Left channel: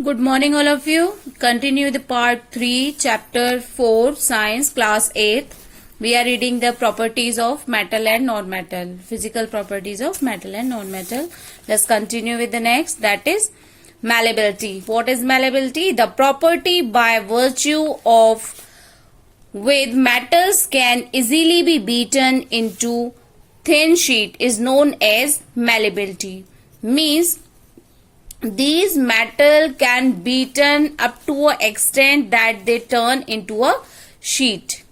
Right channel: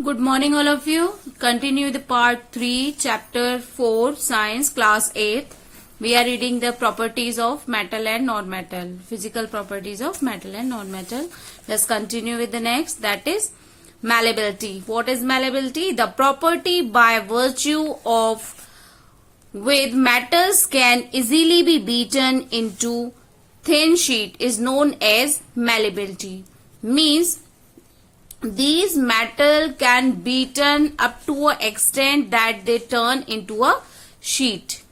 Good morning all of you. Continue the part 3 chapter 4 science class 8. We are reading the properties of metal and non-metal. Physical properties of metal and non-metal. Let's continue with the next, that is malleability. What is malleability? The property by virtue of which metals can easily be beaten into thin sheet is known as malleability. Means these metal can be beaten up to an extent that they turn into a sheet.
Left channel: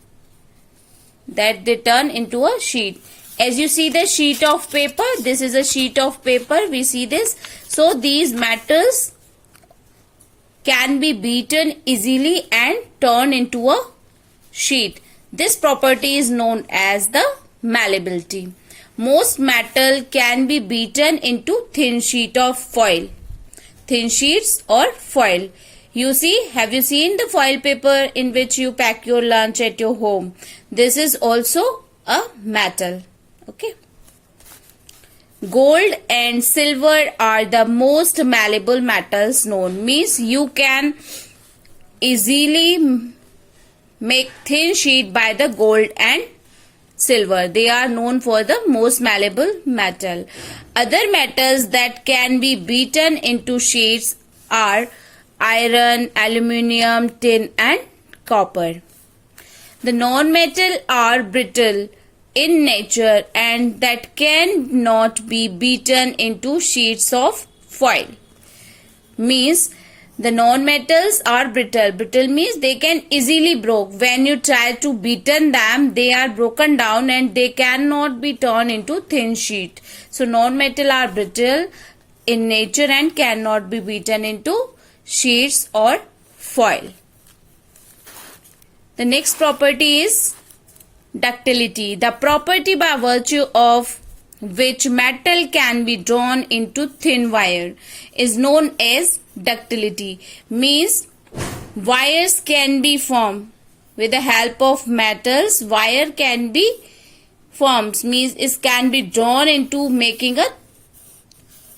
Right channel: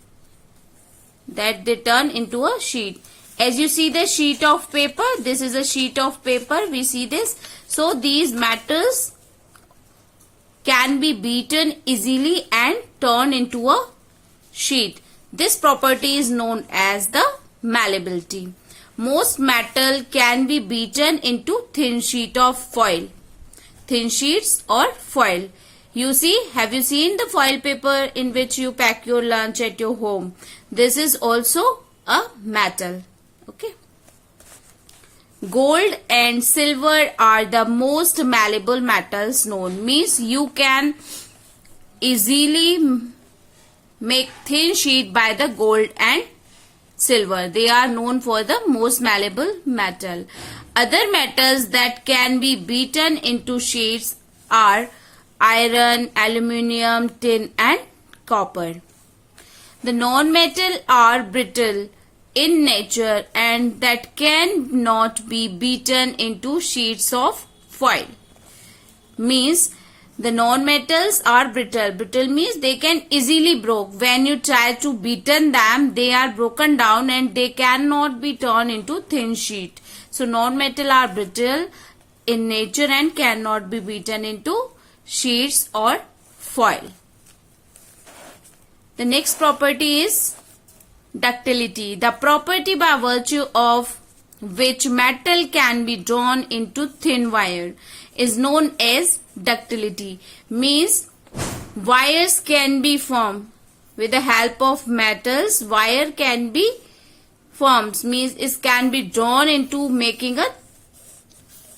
As you see the sheet of paper, this is a sheet of paper. We see this. So these metals can be beaten easily and turn into a sheet. This property is known as the malleability. Most metal can be beaten into thin sheet of foil. Thin sheets or foil. You see, have you seen the foil paper in which you pack your lunch at your home? This is also a metal. Okay. Gold and silver are the most malleable metals known. Means you can easily make thin sheet by the gold and silver. They are known for the most malleable metal. Other metals that can be beaten into sheets are iron, aluminium, tin and copper. The non-metal are brittle in nature and that cannot be beaten into sheets of foil. Means the non-metals are brittle. Brittle means they can easily broke. When you try to beaten them, they are broken down and they cannot be turned into thin sheet. So non-metal are brittle in nature and cannot be beaten into sheets or foil. The next property is ductility. The property by virtue of which metal can be drawn into thin wire is known as ductility. Means wires can be formed with the help of metals. Wire can be formed, means it can be drawn into making a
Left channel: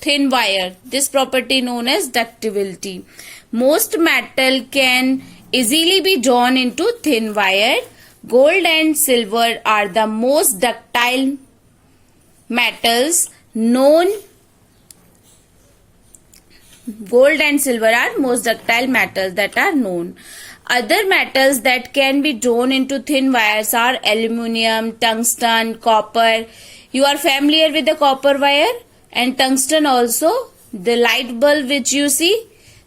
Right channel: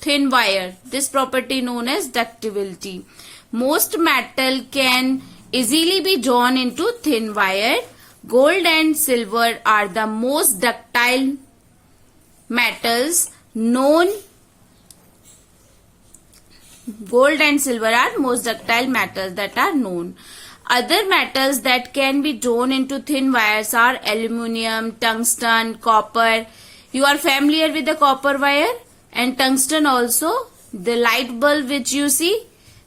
thin wire. This property known as ductility. Most metal can easily be drawn into thin wire. Gold and silver are the most ductile metals known. Gold and silver are most ductile metals that are known. Other metals that can be drawn into thin wires are aluminium, tungsten, copper. You are familiar with the copper wire and tungsten also. The light bulb which you see,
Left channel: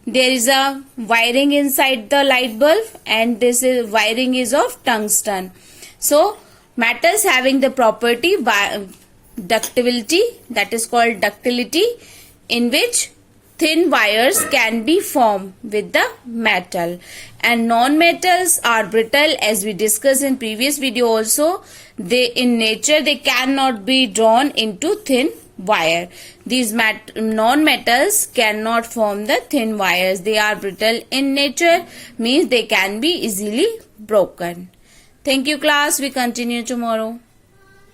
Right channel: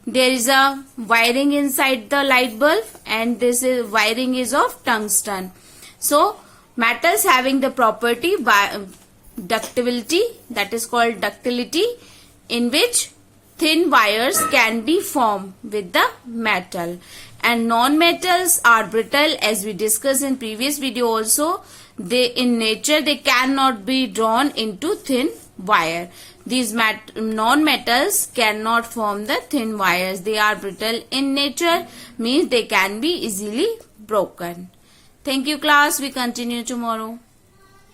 there is a wiring inside the light bulb and this is wiring is of tungsten. So metals having the property by ductility, that is called ductility, in which thin wires can be formed with the metal. And non-metals are brittle, as we discussed in previous video also. They in nature they cannot be drawn into thin wire. These non-metals cannot form the thin wires. They are brittle in nature, means they can be easily broken. Thank you class. We continue tomorrow.